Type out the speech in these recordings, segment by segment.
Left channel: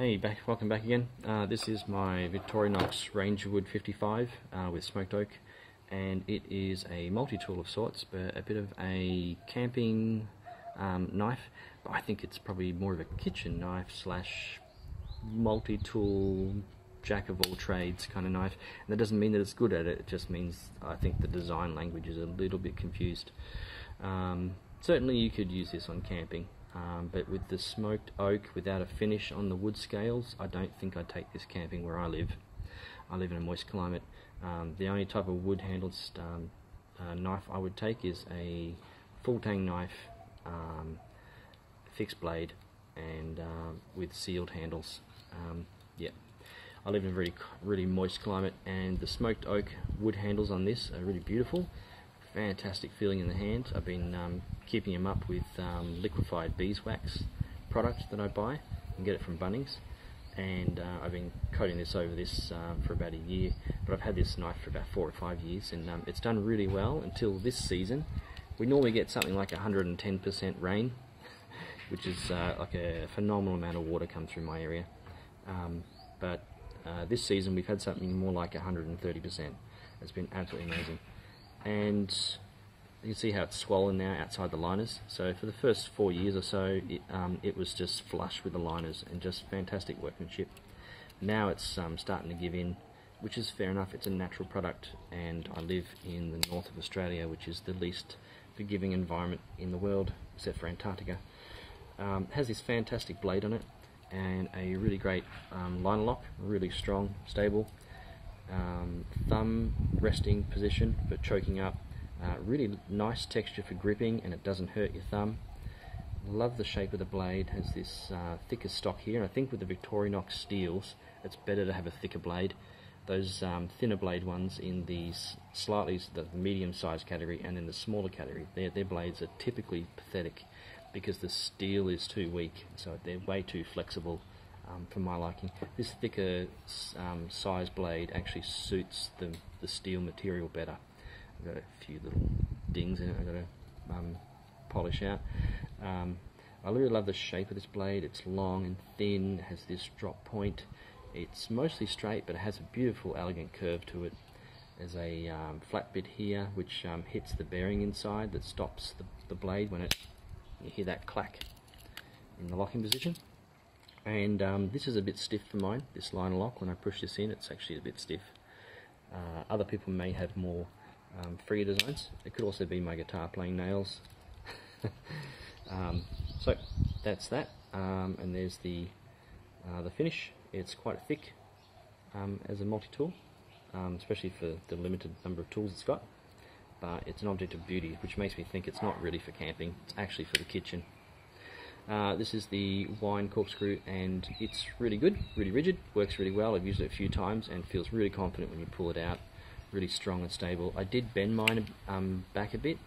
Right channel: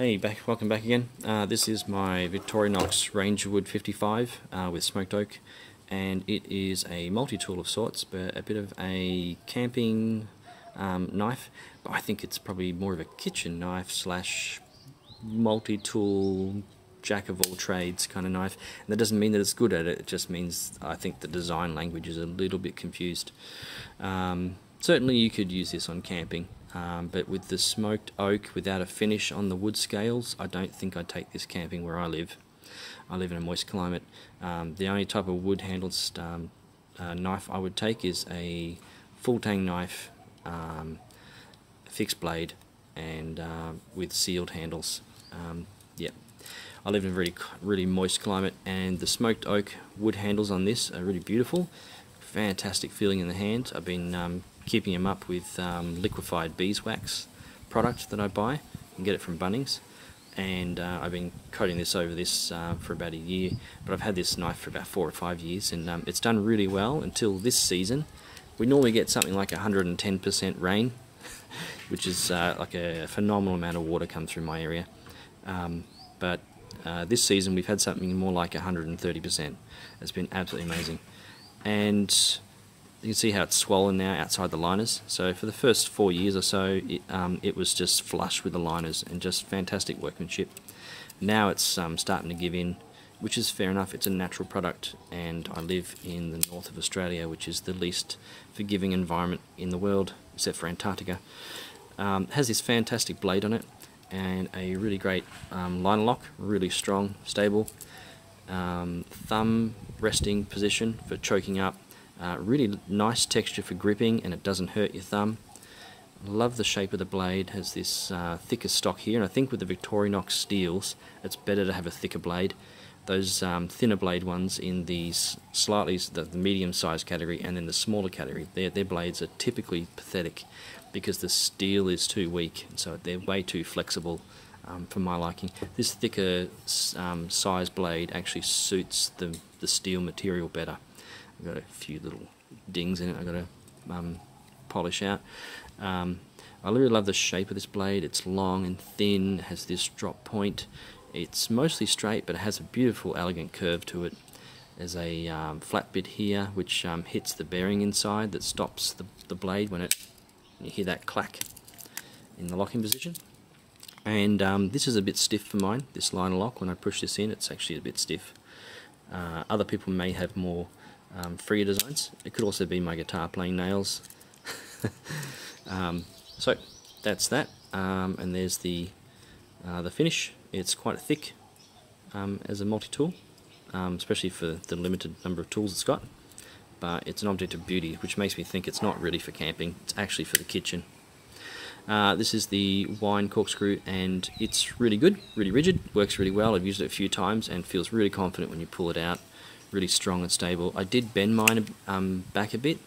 Hey, welcome back again. This is my Victorinox Rangerwood 55 with smoked oak, and it is a multi-tool of sorts, but a bit of a camping knife, but I think it's probably more of a kitchen knife slash multi-tool jack of all trades kind of knife. And that doesn't mean that it's good at it, it just means I think the design language is a little bit confused. Certainly you could use this on camping. But with the smoked oak without a finish on the wood scales, I don't think I'd take this camping where I live. I live in a moist climate. The only type of wood handled knife I would take is a full tang knife, fixed blade, and with sealed handles. Yeah, I live in a really moist climate, and the smoked oak wood handles on this are really beautiful. Fantastic feeling in the hand. I've been keeping them up with liquefied beeswax product that I buy. You can get it from Bunnings, and I've been coating this over this for about a year, but I've had this knife for about 4 or 5 years, and it's done really well until this season. We normally get something like 110% rain, which is like a phenomenal amount of water come through my area, but this season we've had something more like 130%. It's been absolutely amazing. And you can see how it's swollen now outside the liners. So for the first 4 years or so, it was just flush with the liners and just fantastic workmanship. Now it's starting to give in, which is fair enough. It's a natural product, and I live in the north of Australia, which is the least forgiving environment in the world, except for Antarctica. It has this fantastic blade on it and a really great liner lock, really strong, stable. Thumb resting position for choking up, really nice texture for gripping, and it doesn't hurt your thumb. Love the shape of the blade. Has this thicker stock here, and I think with the Victorinox steels it's better to have a thicker blade. Those thinner blade ones in these the medium sized category and then the smaller category, their blades are typically pathetic because the steel is too weak, so they're way too flexible for my liking. This thicker size blade actually suits the steel material better. I've got a few little dings in it I've got to polish out. I really love the shape of this blade. It's long and thin, has this drop point. It's mostly straight, but it has a beautiful elegant curve to it. There's a flat bit here which hits the bearing inside that stops the blade when you hear that clack in the locking position. And this is a bit stiff for mine, this liner lock. When I push this in, it's actually a bit stiff. Other people may have more freer designs. It could also be my guitar playing nails. So that's that, and there's the finish. It's quite thick as a multi-tool, especially for the limited number of tools it's got, but it's an object of beauty, which makes me think it's not really for camping, it's actually for the kitchen. This is the wine corkscrew, and it's really good, really rigid, works really well. I've used it a few times and feels really confident when you pull it out, really strong and stable. I did bend mine back a bit.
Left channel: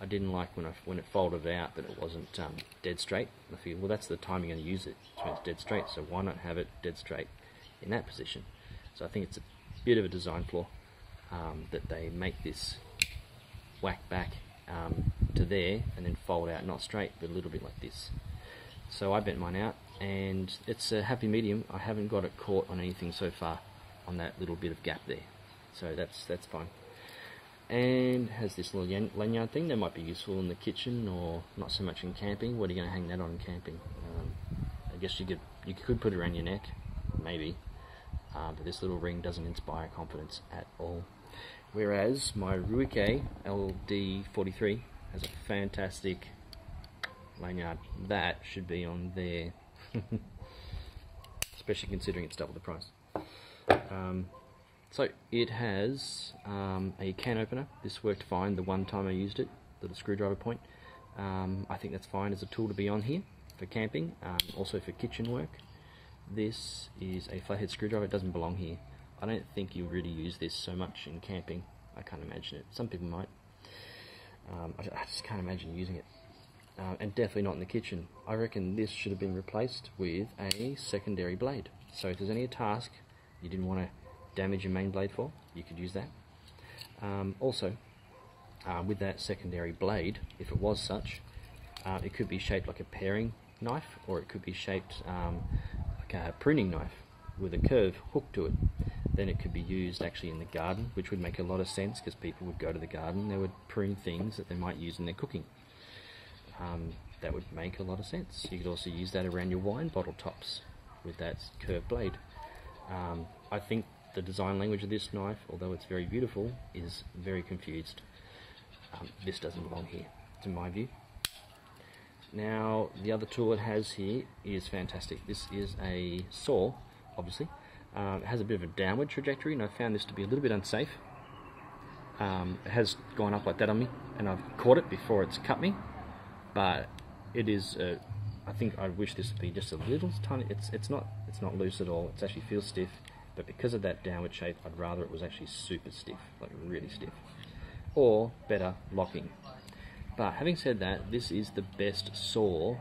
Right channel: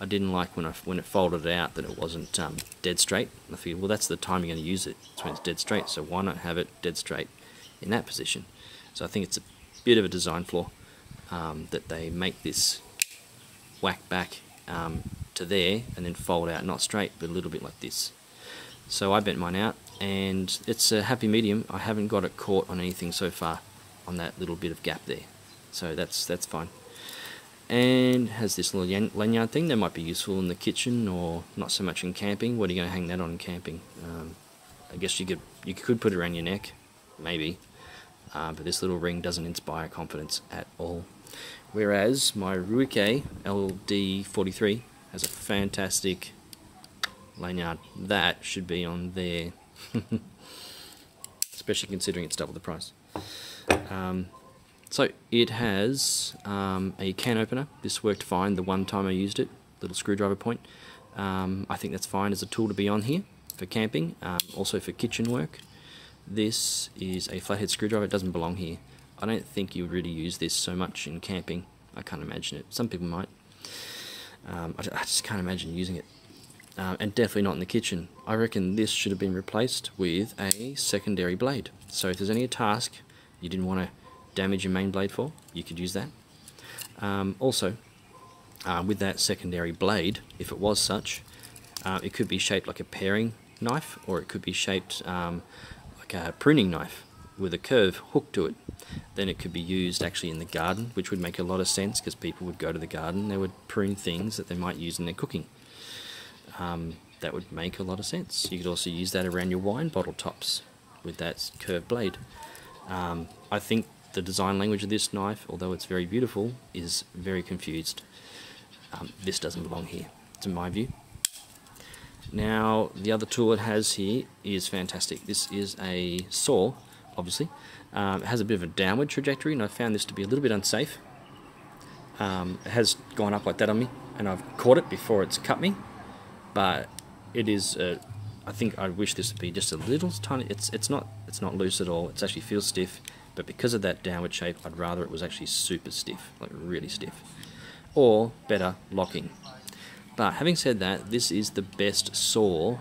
I didn't like when it folded out that it wasn't dead straight. I figured, well, that's the time you're going to use it, it's when it's dead straight, so why not have it dead straight in that position? So I think it's a bit of a design flaw that they make this whack back to there and then fold out, not straight, but a little bit like this. So I bent mine out, and it's a happy medium. I haven't got it caught on anything so far on that little bit of gap there, so that's fine. And has this little lanyard thing that might be useful in the kitchen, or not so much in camping. What are you going to hang that on in camping? I guess you could put it around your neck, maybe, but this little ring doesn't inspire confidence at all. Whereas my Ruike LD43 has a fantastic lanyard. That should be on there, especially considering it's double the price. So it has a can opener. This worked fine the one time I used it, little screwdriver point. I think that's fine as a tool to be on here for camping, also for kitchen work. This is a flathead screwdriver. It doesn't belong here. I don't think you would really use this so much in camping. I can't imagine it. Some people might. I just can't imagine using it. And definitely not in the kitchen. I reckon this should have been replaced with a secondary blade. So if there's any task you didn't want to damage your main blade for, you could use that. Also, with that secondary blade, if it was such, it could be shaped like a paring knife, or it could be shaped like pruning knife with a curve hooked to it, then it could be used actually in the garden, which would make a lot of sense because people would go to the garden, they would prune things that they might use in their cooking. That would make a lot of sense. You could also use that around your wine bottle tops with that curved blade. I think the design language of this knife, although it's very beautiful, is very confused. This doesn't belong here, to my view. Now, the other tool it has here is fantastic. This is a saw, obviously. It has a bit of a downward trajectory, and I found this to be a little bit unsafe. It has gone up like that on me, and I've caught it before it's cut me. But it is, I think I wish this would be just a little tiny. It's not loose at all. It actually feels stiff, but because of that downward shape, I'd rather it was actually super stiff, like really stiff, or better, locking. But having said that, this is the best saw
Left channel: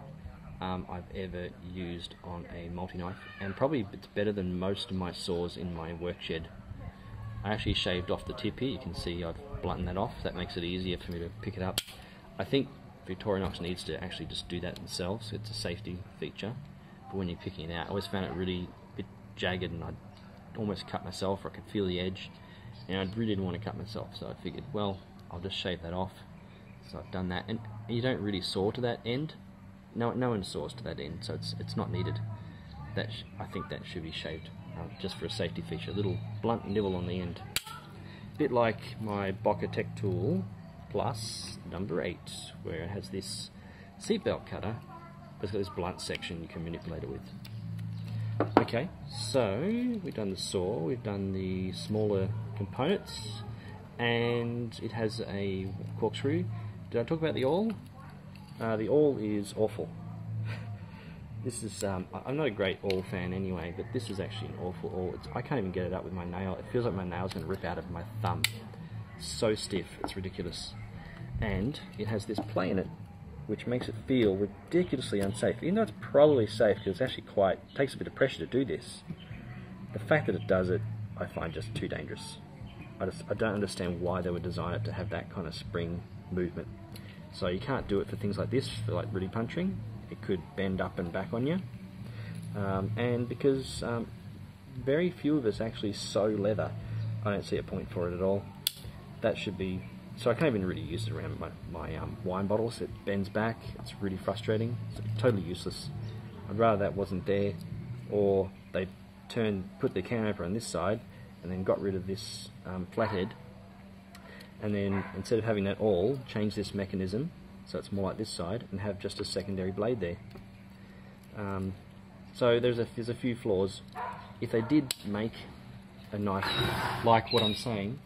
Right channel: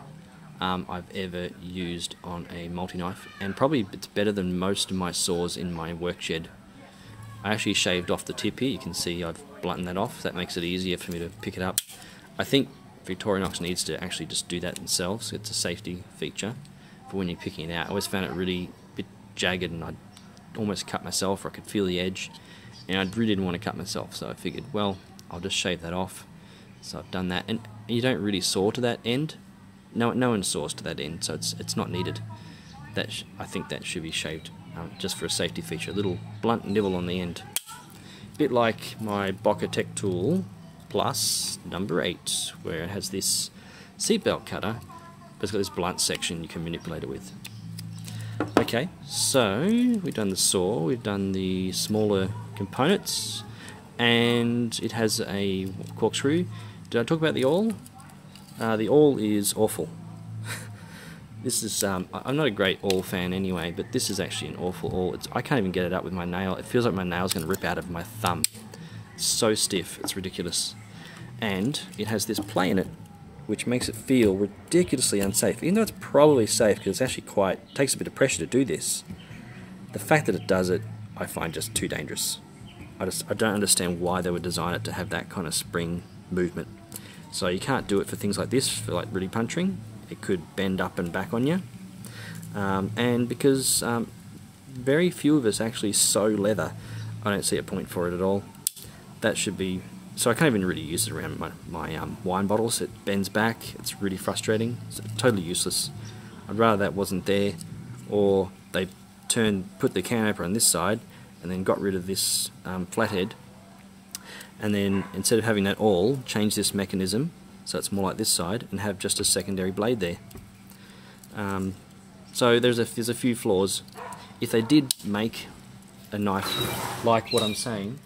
I've ever used on a multi-knife, and probably it's better than most of my saws in my work shed. I actually shaved off the tip here. You can see I've blunted that off. That makes it easier for me to pick it up. I think Victorinox needs to actually just do that themselves. It's a safety feature for when you're picking it out. I always found it really a bit jagged, and I'd almost cut myself, or I could feel the edge, and I really didn't want to cut myself, so I figured, well, I'll just shave that off. So I've done that, and you don't really saw to that end. No one saws to that end, so it's not needed. I think that should be shaved just for a safety feature. A little blunt nibble on the end, a bit like my Tech tool plus number 8, where it has this seatbelt cutter, but it's got this blunt section you can manipulate it with. Okay, so we've done the saw, we've done the smaller components, and it has a corkscrew. Did I talk about the awl? The awl is awful. This is, I'm not a great awl fan anyway, but this is actually an awful awl. I can't even get it up with my nail. It feels like my nail's going to rip out of my thumb. It's so stiff, it's ridiculous. And it has this play in it, which makes it feel ridiculously unsafe. Even though it's probably safe, because it's actually it takes a bit of pressure to do this. The fact that it does it, I find just too dangerous. I don't understand why they would design it to have that kind of spring movement. So you can't do it for things like this, for like really punching. It could bend up and back on you. And because very few of us actually sew leather, I don't see a point for it at all. That should be, so I can't even really use it around my wine bottles. It bends back, it's really frustrating, it's totally useless. I'd rather that wasn't there, or they put the can opener on this side and then got rid of this flathead, and then instead of having that awl, change this mechanism so it's more like this side and have just a secondary blade there. So there's a few flaws. If they did make a knife like what I'm saying,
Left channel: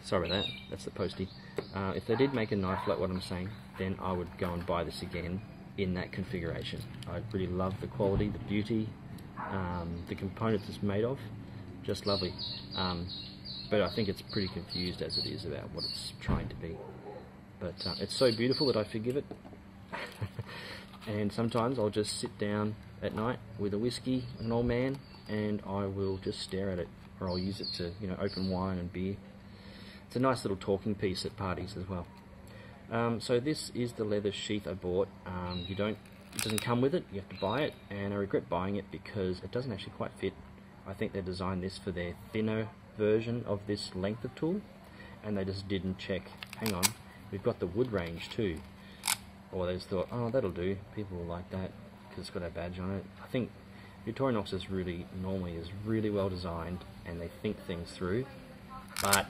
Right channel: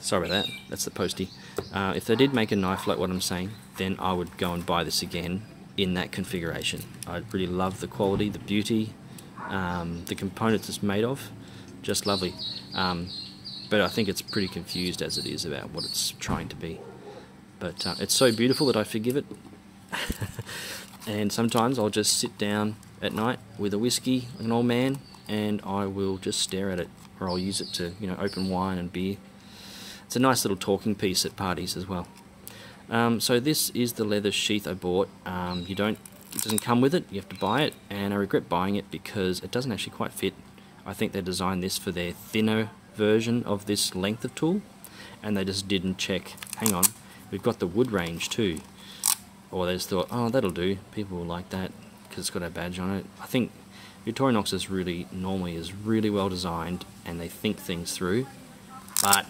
sorry about that, that's the postie. If they did make a knife like what I'm saying, then I would go and buy this again in that configuration. I really love the quality, the beauty, the components it's made of, just lovely. But I think it's pretty confused as it is about what it's trying to be. But it's so beautiful that I forgive it. And sometimes I'll just sit down at night with a whiskey, an old man, and I will just stare at it, or I'll use it to, open wine and beer. It's a nice little talking piece at parties as well. So this is the leather sheath I bought. It doesn't come with it, you have to buy it, and I regret buying it because it doesn't actually quite fit. I think they designed this for their thinner version of this length of tool, and they just didn't check, hang on, we've got the wood range too. Or they just thought, oh, that'll do, people will like that because it's got a badge on it. I think Victorinox is really well designed, and they think things through, but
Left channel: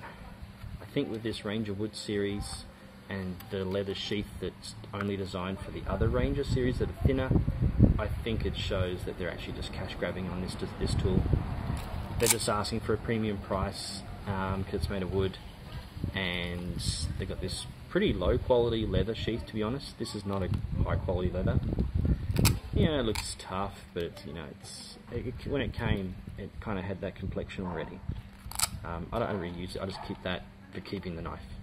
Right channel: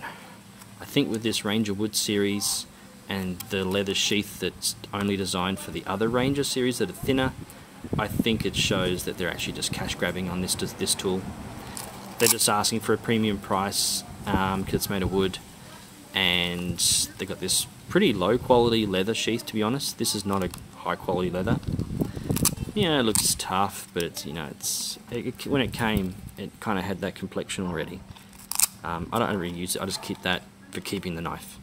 I think with this Ranger Wood series and the leather sheath that's only designed for the other Ranger series that are thinner, I think it shows that they're actually just cash grabbing on this tool. They're just asking for a premium price because it's made of wood, and they got this pretty low quality leather sheath, to be honest. This is not a high quality leather. It looks tough, but it's, when it came, it kind of had that complexion already. I don't really use it, I just keep that for keeping the knife.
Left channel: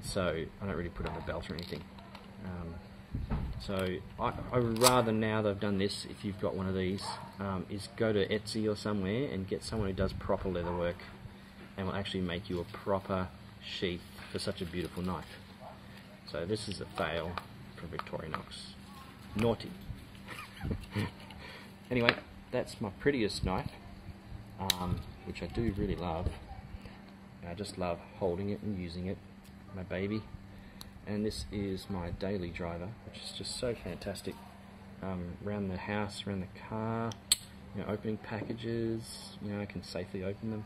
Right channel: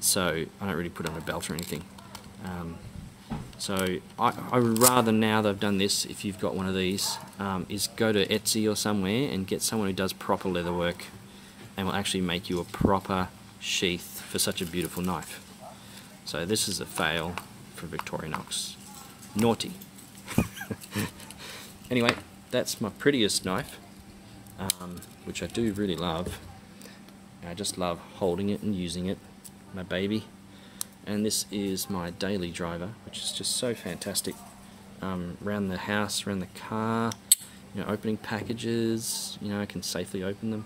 So I don't really put it on a belt or anything. So I would rather, now that I've done this, if you've got one of these, is go to Etsy or somewhere and get someone who does proper leather work and will actually make you a proper sheath for such a beautiful knife. So this is a fail for Victorinox. Naughty. Anyway, that's my prettiest knife, which I do really love. I just love holding it and using it, my baby. And this is my daily driver, which is just so fantastic. Around the house, around the car, you know, opening packages, you know, I can safely open them.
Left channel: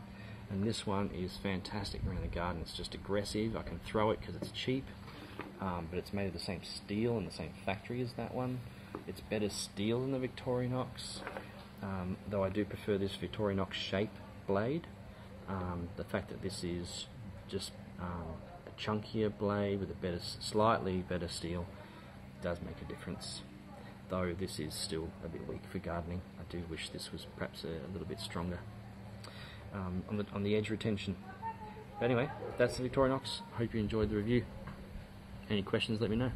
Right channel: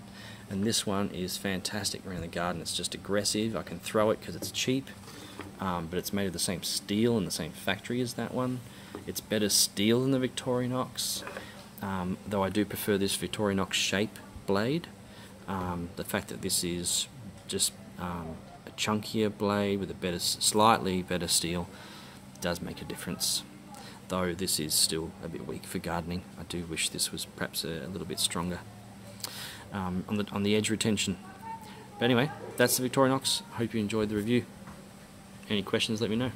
And this one is fantastic around the garden. It's just aggressive. I can throw it because it's cheap, but it's made of the same steel and the same factory as that one. It's better steel than the Victorinox, though I do prefer this Victorinox shape blade. The fact that this is just a chunkier blade with a better, slightly better steel does make a difference. Though this is still a bit weak for gardening. I do wish this was perhaps a little bit stronger on the edge retention. But anyway, that's the Victorinox. Hope you enjoyed the review. Any questions, let me know.